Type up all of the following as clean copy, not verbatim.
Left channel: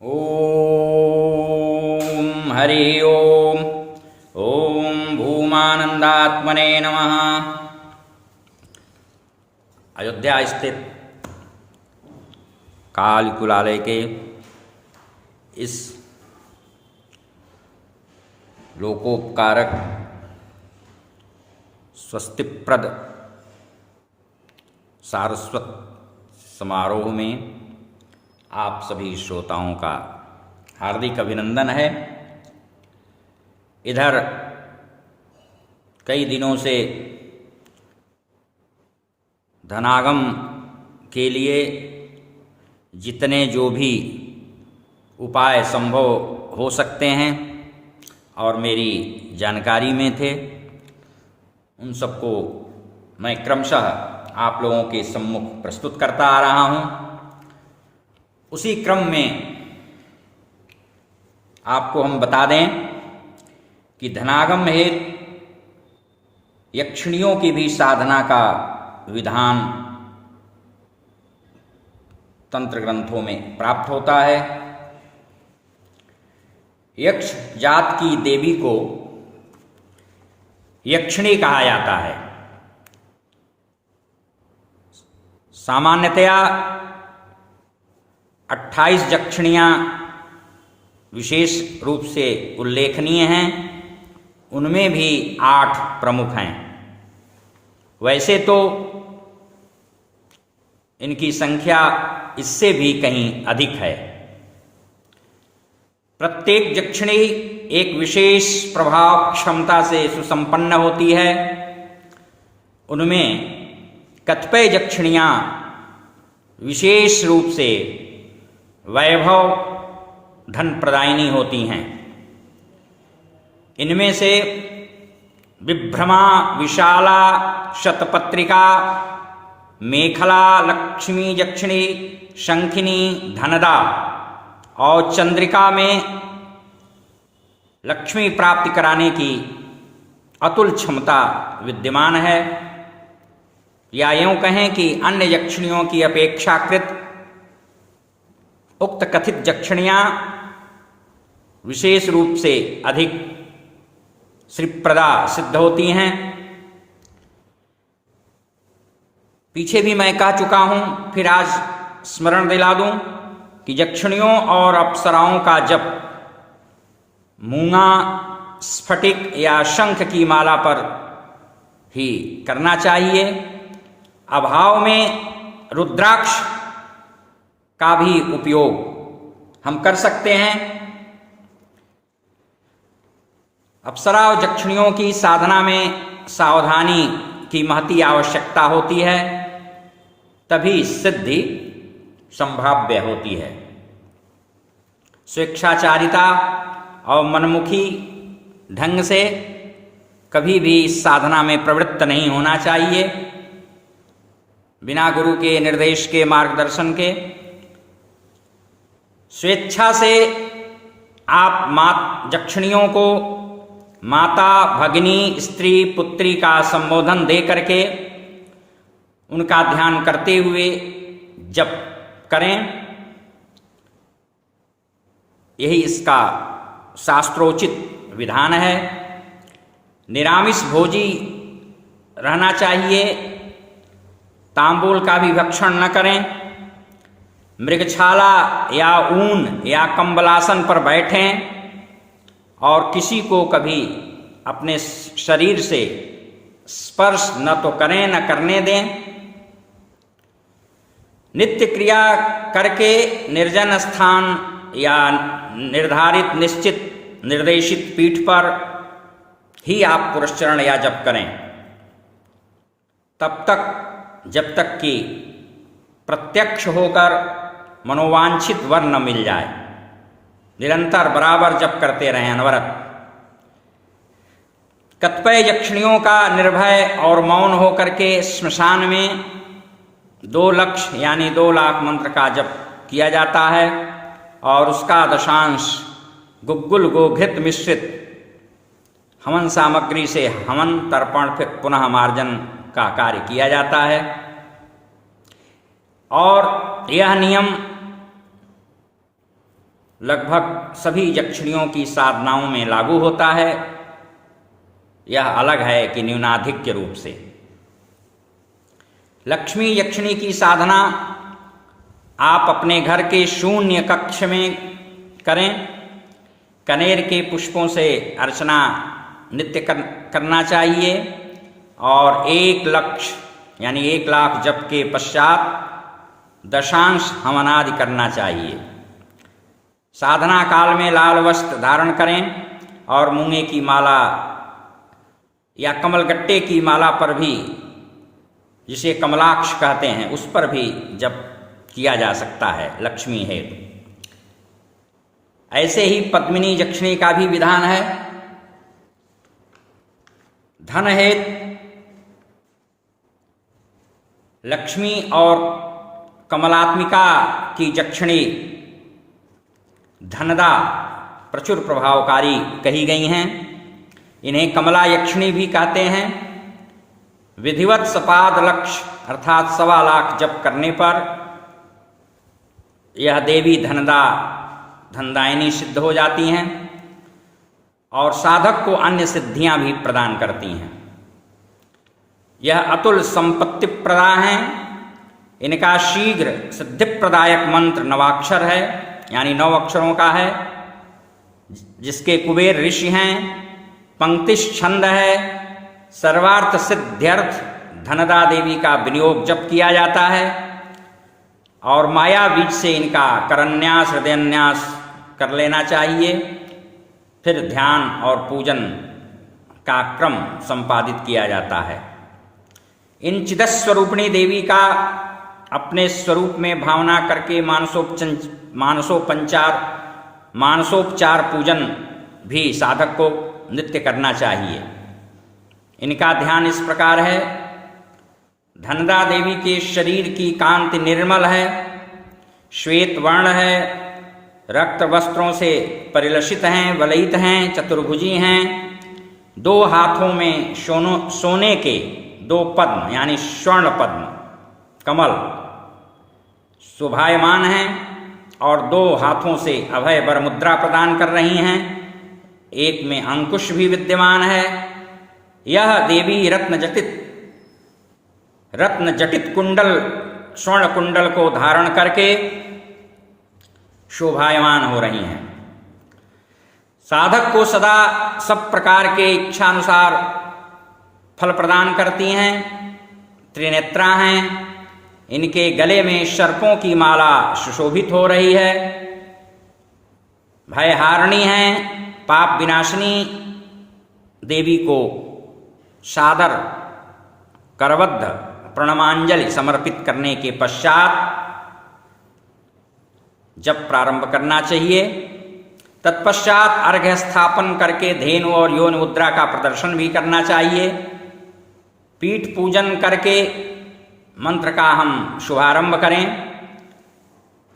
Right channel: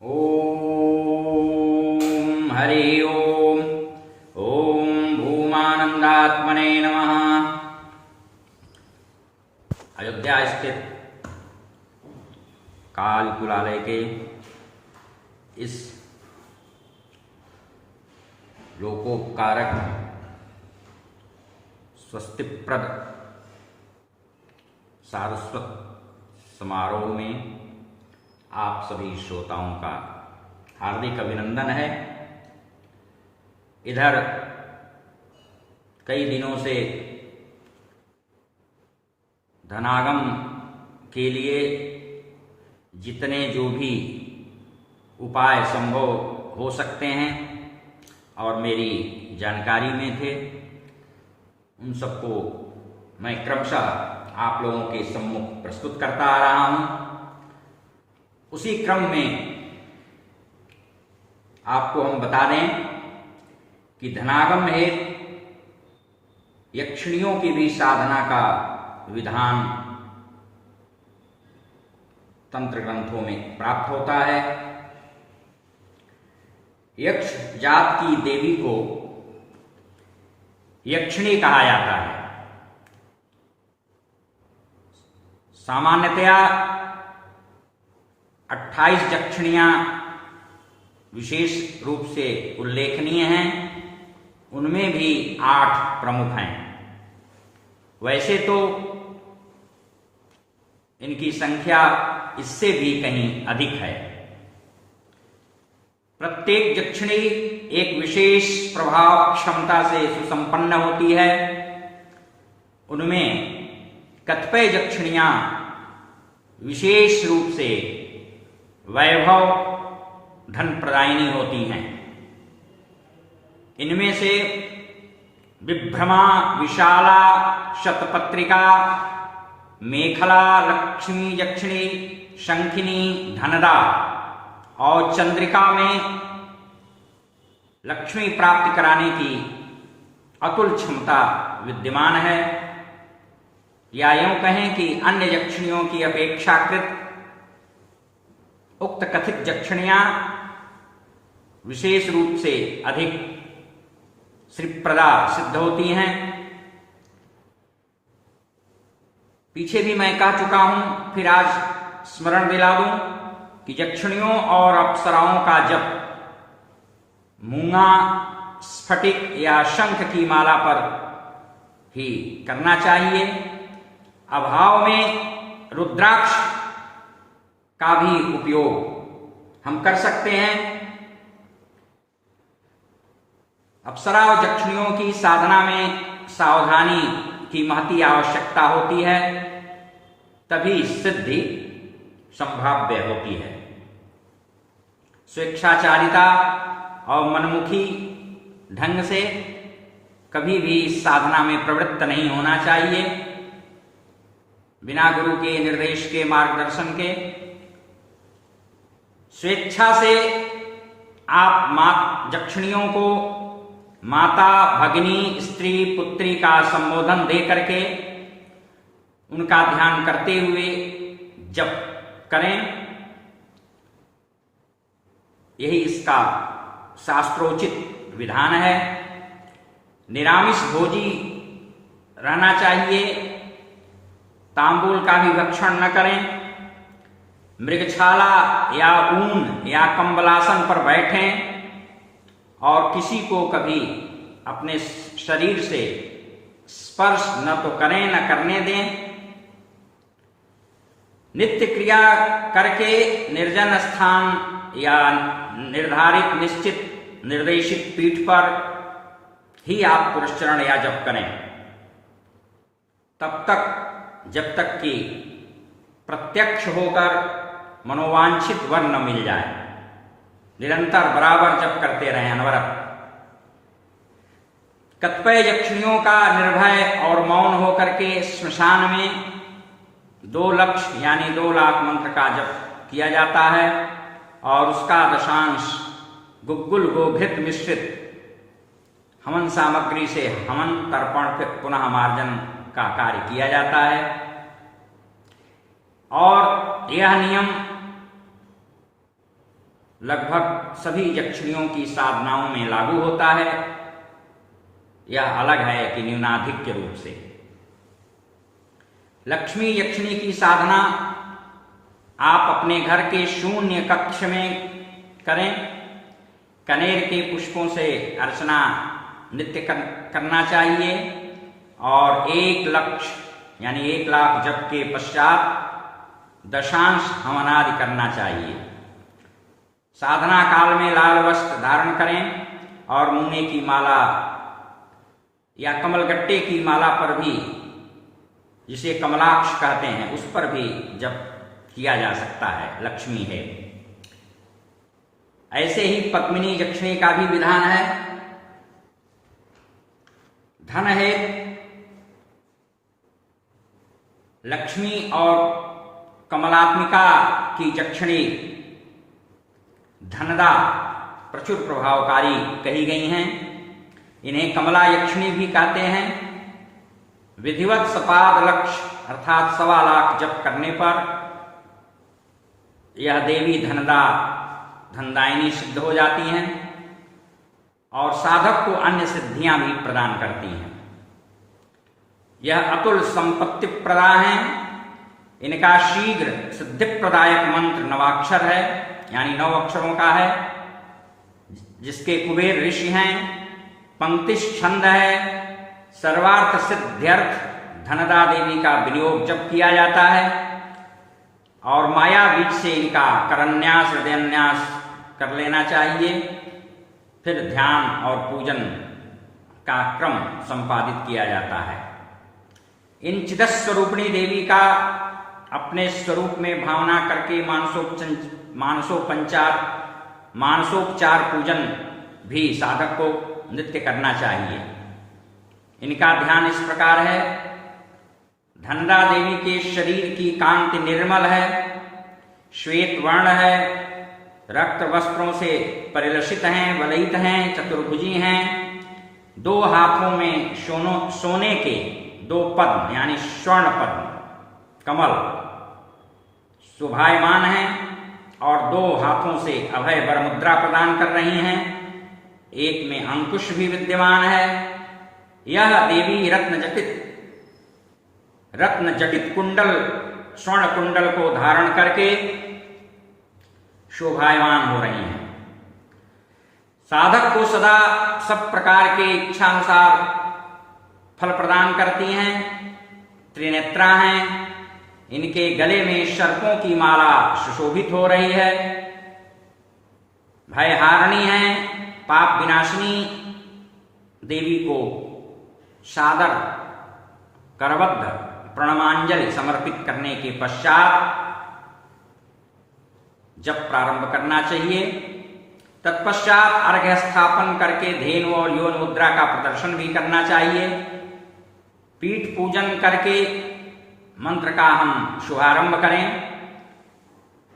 ओम हरि ओम। ओम भूमानंदात्मने नमः। अयोध्या स्थित कालकुलालय के इस लोकोपकारक स्वस्तिप्रद सारस्वत समारोह में आप सभी श्रोताओं का हार्दिक अभिनंदन है। इधर कई दिनों से धनागम के लिए जितने जो भी उपाय संभव हो सकते हैं और मेरी जानकारी में थे, उन सबको मैं क्रमशः आप लोगों के सम्मुख प्रस्तुत करता आ रहा हूं। उसी क्रम में आपको हम बता दें कि धनागम हेतु यक्षिणियों की भी साधना का विधान तंत्र ग्रंथों में प्राप्त होता है। यक्ष जात की देवी को यक्षिणी कहा जाता है। सामान्यतया 28 यक्षिणियां विशेष रूप से उल्लेखनीय हैं, उनमें भी 8 प्रमुख हैं। वैसे तो इनकी संख्या इससे भी कहीं अधिक है। प्रत्येक यक्षिणी एक विशेष प्रभाव क्षमता से सुसंपन्न होती है। उनमें कतिपय यक्षिणियां विशेष रूप से वैभव धन प्रदायिनी होती हैं। इनमें से विभ्रमा, विशाला, शतपत्रिका, मेखला, लक्ष्मी यक्षिणी, शंखिनी, धनदा और चंद्रिका में लक्ष्मी प्राप्ति कराने की अतुल क्षमता विद्यमान है। या यूं कहें कि अन्य यक्षिणियों की अपेक्षाकृत उक्त कथित यक्षिणियां विशेष रूप से अधिक श्रीप्रदा सिद्ध होती हैं। पीछे भी मैं कह चुका हूं, फिर आज स्मरण दिला दूं कि यक्षिणियों और अप्सराओं का जप मूंगा, स्फटिक या शंख की माला पर ही करना चाहिए। अभाव में रुद्राक्ष का भी उपयोग हम कर सकते हैं। अप्सरा और यक्षिणियों की साधना में सावधानी की महती आवश्यकता होती है, तभी सिद्धि संभाव्य होती है। स्वेच्छाचारिता और मनमुखी ढंग से कभी भी इस साधना में प्रवृत्त नहीं होना चाहिए। बिना गुरु के निर्देश के, मार्गदर्शन के स्वेच्छा से आप यक्षिणियों को माता, भगिनी, स्त्री, पुत्री का संबोधन दे करके उनका ध्यान करते हुए जप करें। यही इसका शास्त्रोचित विधान है। निरामिष भोजी रहना चाहिए। तांबूल का भी भक्षण न करें। मृगछाला या ऊन या कंबलासन पर बैठें और किसी को कभी अपने शरीर से स्पर्श न तो करें न करने दें। नित्य क्रिया करके निर्जन स्थान या निर्धारित निश्चित निर्देशित पीठ पर ही आप पुरस्चरण या जप करें, तब तक जब तक कि प्रत्यक्ष होकर मनोवांछित वर न मिल जाए। निरंतर बराबर जप करते रहें, अनवरत। कतिपय यक्षिणियों का निर्भय और मौन होकर के श्मशान में 2 लक्ष यानी 2 लाख मंत्र का जप किया जाता है और उसका दशांश गुग्गुल गोघृत मिश्रित हवन सामग्री से हवन, तर्पण, फिर पुनः मार्जन का कार्य किया जाता है। और यह नियम लगभग सभी यक्षिणियों की साधनाओं में लागू होता है। यह अलग है कि न्यूनाधिक के रूप से। लक्ष्मी यक्षिणी की साधना आप अपने घर के शून्य कक्ष में करें। कनेर के पुष्पों से अर्चना नित्य करना चाहिए और 1 लक्ष यानी 1 लाख जप के पश्चात दशांश हवनादि करना चाहिए। साधना काल में लाल वस्त्र धारण करें और मूंगे की माला या कमलगट्टे की माला पर भी, जिसे कमलाक्ष कहते हैं, उस पर भी जप किया जा सकता है। लक्ष्मी है। ऐसे ही पद्मिनी यक्षिणी का भी विधान है। धन है। लक्ष्मी और कमलात्मिका की यक्षिणी धनदा प्रचुर प्रभावकारी कही गई हैं। इन्हें कमला यक्षिणी भी कहते हैं। विधिवत सपाद लक्ष्य अर्थात 1.25 लाख जप करने पर यह देवी धनदा धनदायिनी सिद्ध हो जाती हैं और साधक को अन्य सिद्धियां भी प्रदान करती हैं। यह अतुल संपत्ति प्रदा हैं। इनका शीघ्र सिद्धिप्रदायक मंत्र 9 अक्षर है, यानी 9 अक्षरों का है, जिसके कुबेर ऋषि हैं। पंक्तिश छंद है। सर्वार्थ सिद्ध्यर्थ धनदा देवी का विनियोग जप किया जाता है और माया बीज से इनका करन्यास हृदयन्यास कर लेना चाहिए। फिर ध्यान और पूजन का क्रम संपादित किया जाता है। इन चिदस्वरूपिणी देवी का अपने स्वरूप में भावना करके मानसोपचार पूजन भी साधक को नित्य करना चाहिए। इनका ध्यान इस प्रकार है। धनदा देवी के शरीर की कांति निर्मल है, श्वेत वर्ण है, रक्त वस्त्रों से परिलसित हैं, वलयित हैं, चतुर्भुजी हैं। 2 हाथों में सोने के 2 पद्म यानी स्वर्ण पद्म कमल शोभायमान हैं और 2 हाथों से अभय वर मुद्रा प्रदान कर रही हैं। एक में अंकुश भी विद्यमान है। यह देवी रत्न जटित कुंडल स्वर्ण कुंडल को धारण करके शोभायमान हो रही हैं। साधक को सदा सब प्रकार के इच्छानुसार फल प्रदान करती हैं। त्रिनेत्रा हैं। इनके गले में सर्पों की माला सुशोभित हो रही है। भयहारिणी हैं। पाप विनाशिनी देवी को सादर करबद्ध प्रणमांजलि समर्पित करने के पश्चात जब प्रारंभ करना चाहिए। तत्पश्चात अर्घ्य स्थापन करके धेनु और योनि मुद्रा का प्रदर्शन भी करना चाहिए। पीठ पूजन करके मंत्र का हम शुभारंभ करें।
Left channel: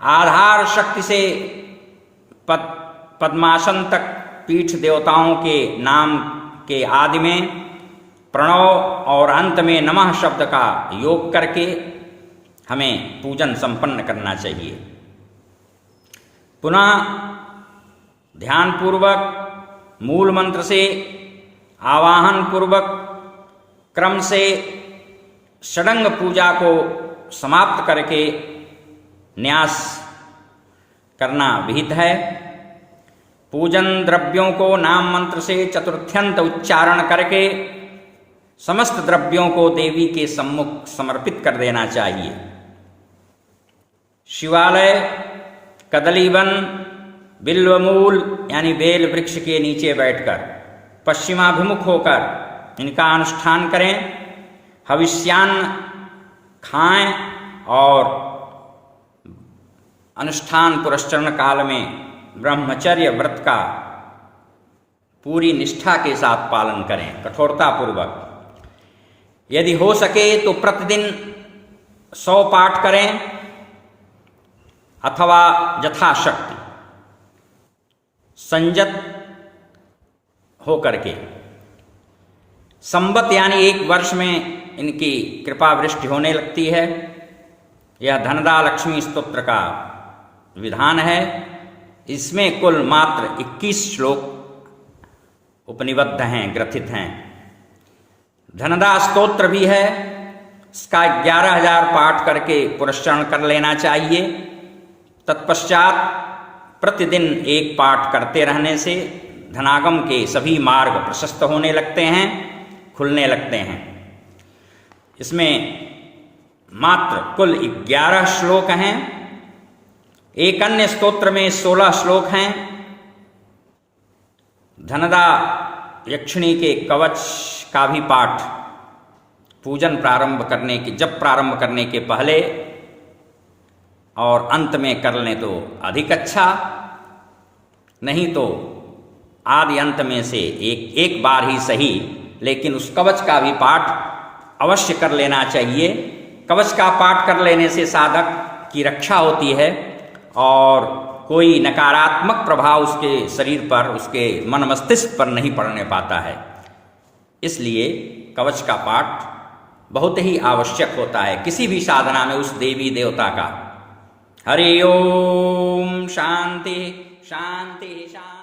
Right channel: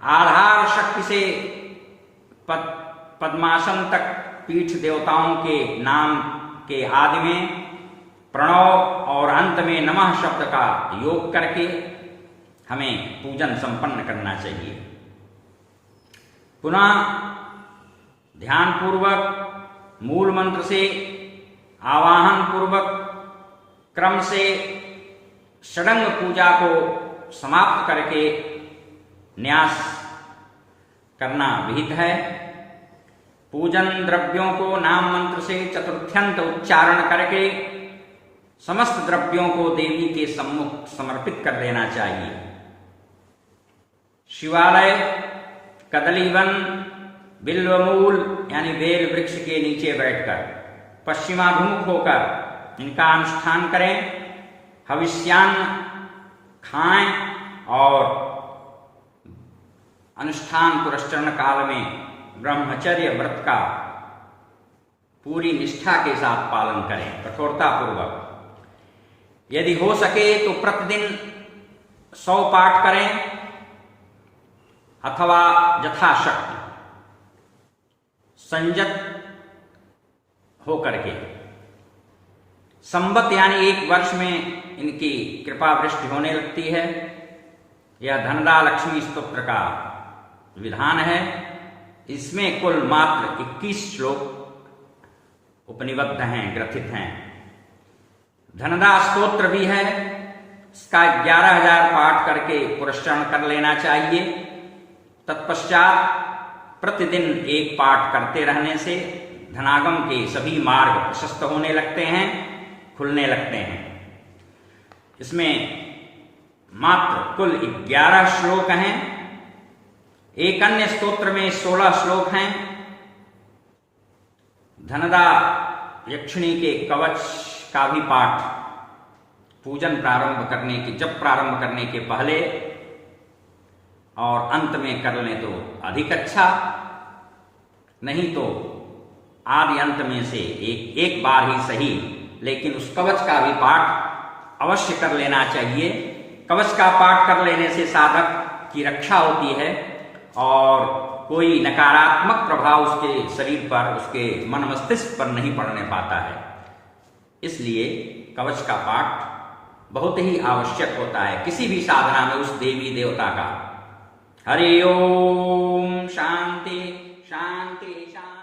आधार शक्ति से पद्मासन तक पीठ देवताओं के नाम के आदि में प्रणव और अंत में नमः शब्द का योग करके हमें पूजन संपन्न करना चाहिए। पुनः ध्यानपूर्वक मूल मंत्र से आवाहन पूर्वक क्रम से षडंग पूजा को समाप्त करके न्यास करना विहित है। पूजन द्रव्यों को नाम मंत्र से चतुर्थ्यंत उच्चारण करके समस्त द्रव्यों को देवी के सम्मुख समर्पित कर देना चाहिए। शिवालय, कदलीवन, बिल्वमूल यानी बेल वृक्ष के नीचे बैठकर पश्चिमाभिमुख होकर इनका अनुष्ठान करें। हविष्यान्न खाएं और अनुष्ठान पुरस्चरण काल में ब्रह्मचर्य व्रत का पूरी निष्ठा के साथ पालन करें, कठोरता पूर्वक। यदि हो सके तो प्रतिदिन 100 पाठ करें अथवा यथाशक्ति संयत होकर के। संवत यानी 1 वर्ष में इनकी कृपा वृष्टि होने लगती है। यह धनदा लक्ष्मी स्तोत्र का विधान है। इसमें कुल मात्र 21 श्लोक उपनिबद्ध हैं, ग्रथित हैं। धनदा स्तोत्र भी है, इसका 11,000 पाठ करके पुरस्चरण कर लेना चाहिए। तत्पश्चात प्रतिदिन एक पाठ करते रहने से धनागम के सभी मार्ग प्रशस्त होने लगते हैं, खुलने लगते हैं। इसमें मात्र कुल 11 श्लोक हैं। एक अन्य स्तोत्र में 16 श्लोक हैं। धनदा यक्षिणी के कवच का भी पाठ पूजन जप प्रारंभ करने के पहले और अंत में कर लें तो अधिक अच्छा, नहीं तो आदि अंत में से एक बार ही सही, लेकिन उस कवच का भी पाठ अवश्य कर लेना चाहिए। कवच का पाठ कर लेने से साधक की रक्षा होती है और कोई नकारात्मक प्रभाव उसके शरीर पर, उसके मन मस्तिष्क पर नहीं पड़ने पाता है। इसलिए कवच का पाठ बहुत ही आवश्यक होता है किसी भी साधना में उस देवी देवता का। हरि ओम। शांति शांति शांति।